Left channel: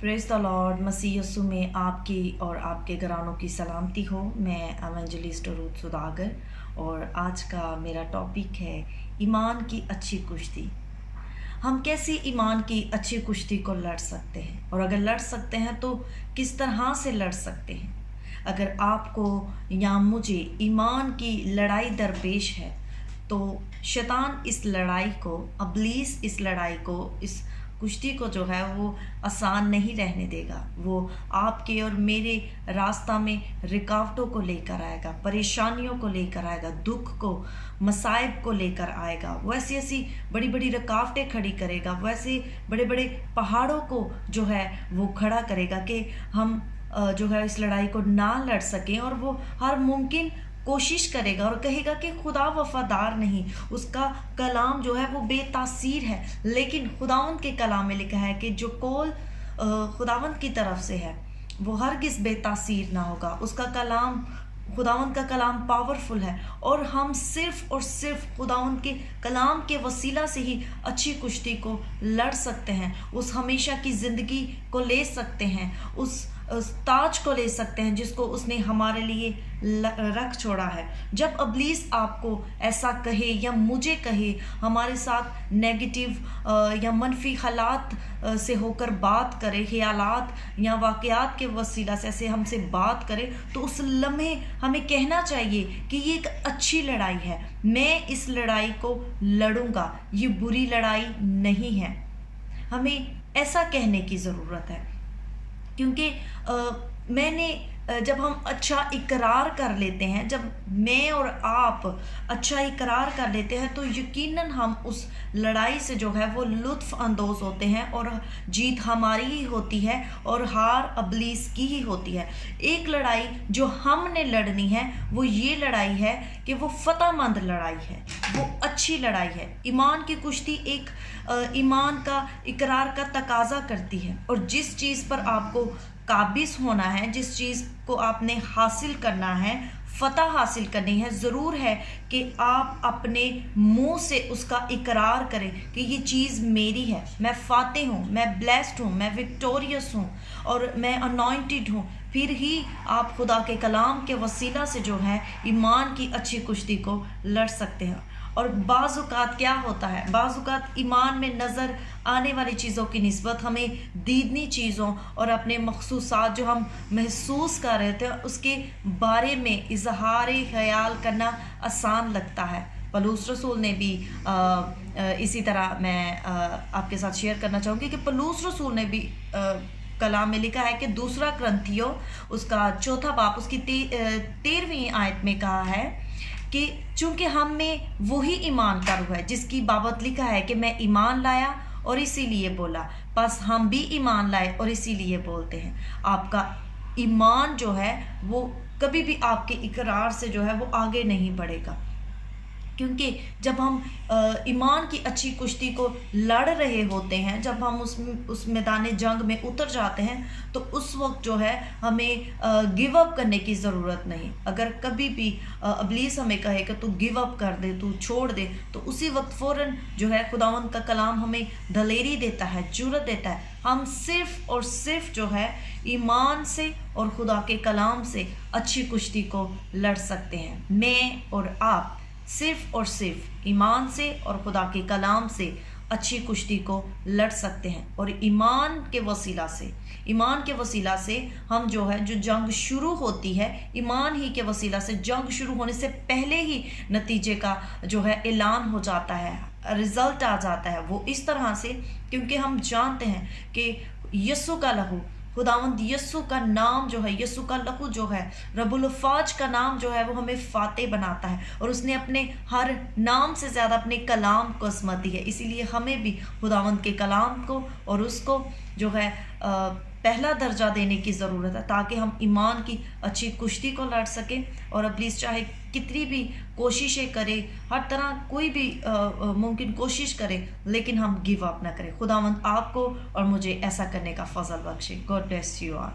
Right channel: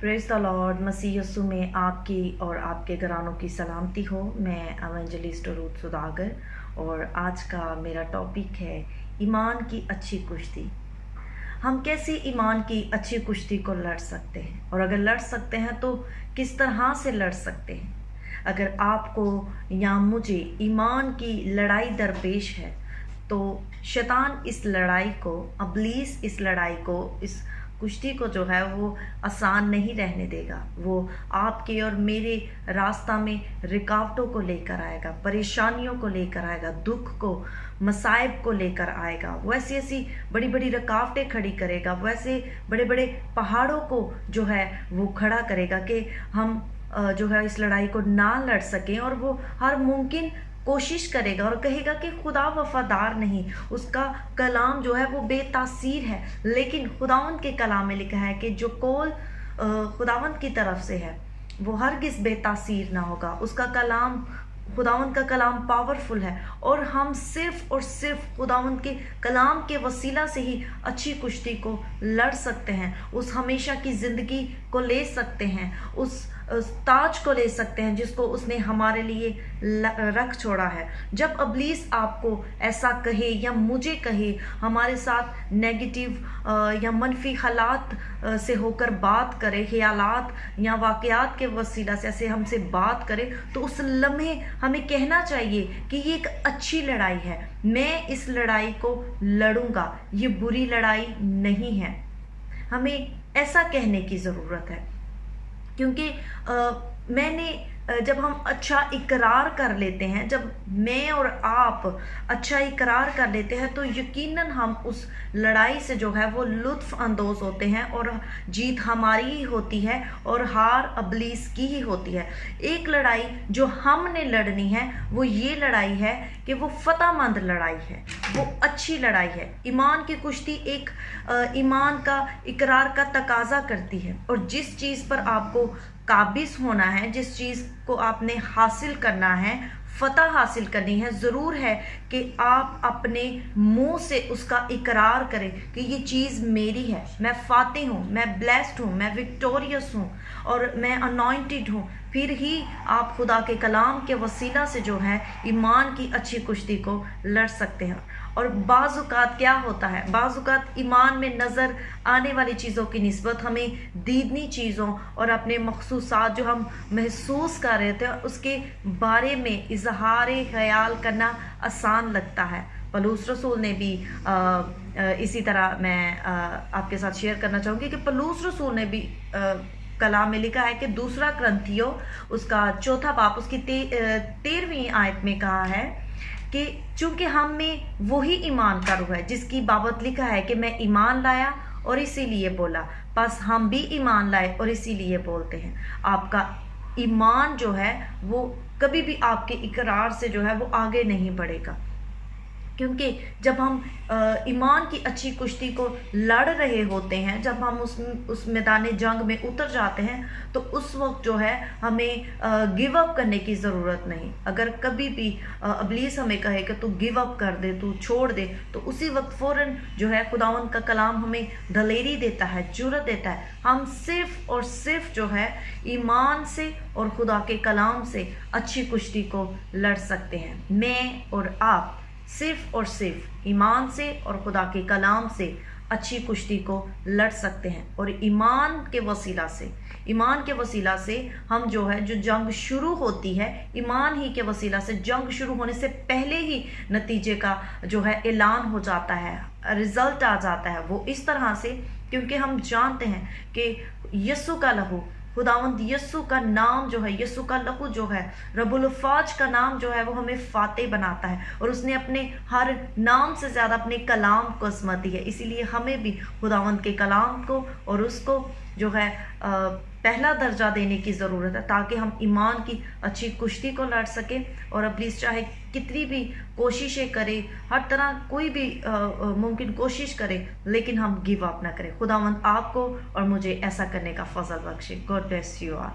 Praise the lord. मसीह यीशु में आपकी और आपके घरानों की सलामती हो। मैं एवेंजलिस्ट रूथ सुदागर और आज का मेरा टॉपिक है ईमान की अच्छी कुश्ती। हम कैसे ईमान की अच्छी कुश्ती को लड़ सकते हैं, और अगर लड़ सकते हैं तो किस तरह से लड़ सकते हैं। अगर आपको या मुझे ईमान की लड़ाई दरपेश है तो शैतान इस लड़ाई को, इब्लीस इस लड़ाई को, इस कुश्ती को जो है वो आसान नहीं रहने देगा। वो आपके और मेरे रास्ता में रुकावटों को लेकर आएगा, परेशानियों को लेकर आएगा, दुख को, मसाइब को लेकर आएगा। वो ऐसी ऐसी बड़ी बड़ी रुकावटें खड़ी करेगा, वो ऐसे बड़े बड़े पहाड़ों को जो है वो खड़ा करेगा कि हम जो है इस लड़ाई को ना लड़ सकें। और वो हर मुमकिन कोशिश करेगा और कहेगा कि खुदा वफादार नहीं, उसका कलाम जो है वो बेतासीर है। लेकिन खुदावंद के कलाम में लिखा है कि जो कौल खुदावंद की तरफ से है वो हरगिज़ बेतासीर ना होगा। उसका कलाम, खुदावंद का कलाम पावरफुल है, और हम सिर्फ और सिर्फ खुदावंद के कलाम के वसीला से ही अच्छी कुश्ती को लड़ सकते हैं। उस हमेशा की ज़िंदगी को ले सकते हैं, उस ताज को ले सकते हैं जिसको उसने हमारे लिए रख छोड़ा है। जब इब्लीस आपको ऐसा कहे या मुझे कहे, हमारे साथ नेगेटिव या मनफी हालात से होकर बात करे, ख्यालात या वाक़यात के वसीला से ऐसे हमसे बात करे, तो उस लम्हे हमें कहना चाहिए कि ये एक अच्छी लड़ाई है, मैं इस लड़ाई को लड़ूंगा, ये बुरी लड़ाई नहीं है। हमें ऐसा कहने की ज़रूरत है, क्योंकि जब हम अच्छा इकरार कर लेते हैं, जब मैं और आप अच्छा इकरार कर लेते हैं, तो यकीनन हम उस लड़ाई से जो है वो लुत्फ़ अंदोज़ होते हैं और जीत हमारी ही होती है और हार इब्लीस की ही होती है। एक लड़ाई जो हमने लड़नी है वो ये लड़ाई है कि वो फतहमंद लड़ाई है, वो अच्छी लड़ाई है। ईमान की कुश्ती एक ईमान का इकरार का तकाजा करती है, और जिस चीज़ पर आपको काबिज होना है, जिस चीज़ को आपने हासिल करना है, फतह हासिल करनी है, ज़रूर है कि आप अपने मुंह से उसका इकरार करें कि ये चीज़ मेरी है, मैं फातिह हूँ, मैं ब्लेस्ड हूँ, मैं विक्टोरियस हूँ और मैं अनॉइंटेड हूँ। फिर ही आप खुदा के कलाम के वसीला से जो है ईमान की अच्छी कुश्ती को लड़ सकते हैं। और बाज़-औक़ात क्या होता है, बाज़-औक़ात ईमान में नज़र आने वाली चीज़ों की निस्बत हमें दीदनी चीज़ों और अपने मखसूसात जो हम महसूस कर रहे थे उसके बारे में इजहार ख्याल करना आसान लगता है। पौलुस रसूल ने भी इसी तरह मैं आपके साथ शेयर करना चाहूँगी कि पौलुस रसूल ने भी कलाम में लिखा है कि 2 कुरिन्थियों उसका 4 बाब उसकी 13वीं आयत में कहा है कि चूंकि हम में वही ईमान का रूह है जिसकी बाबत लिखा है कि मैं ईमान लाया और इसीलिए बोला, बस हम भी ईमान लाए और इसीलिए बोलते हैं। आपका ईमान जो है वो कभी भी आपके इकरार से जो है वो आगे नहीं बढ़ेगा, क्योंकि जब हम ईमान की अच्छी कुश्ती को लड़ रहे होते हैं, जब हम उस मैदान जंग में उतर जाते हैं, तो उस वक्त जो है हमें गिव अप करने की ज़रूरत नहीं। अगर कभी भी इब्लीस हमें कहे कि तू गिव अप कर दे, तू छोड़ दे, तो उसी वक्त फ़ौरन जो है खुदावंद का कलाम हमें दलेरी देता है, जुर्रत देता है। हम सिर्फ और सिर्फ जो है ईमान से और खुदा के कलाम से अच्छी कुश्ती को लड़ सकते हैं। मैं और आप सिर्फ और सिर्फ ईमान से और खुदा के कलाम से अच्छी कुश्ती को लड़ सकते हैं। और ईमान के वसीला से हम जो है जो जंग शुरू होती है, ईमान ही के वसीला से जंग शुरू होने से पहले ही नतीजे का जो है ऐलान हो जाता है, रिजल्ट आ जाता है। वो इस तरह से क्योंकि हम जानते हैं कि यीशु का लहू, खुदावंद यीशु का नाम जो है, यीशु का लहू जो है, रब्बुल फाज का नाम जो है वो हमें फाते बनाता है, और उसने अपने हर नाम से ज़्यादा अपने कलाम को अज़मत दी है। इसीलिए हमें भी खुदावंद के कलाम को और उसको जो है पहला दर्जा देने की ज़रूरत है, ताकि हम ईमान की अच्छी कुश्ती को लड़ सकें। और इब्लीस चाहे कितनी भी कोशिशें करे, हर तरह कोई भी मुमकिन कोशिश करे, लेकिन हम गिव अप ना करें। खुदावंद आपको और मुझे ऐसा करने का फजल बख्शे। God bless you all.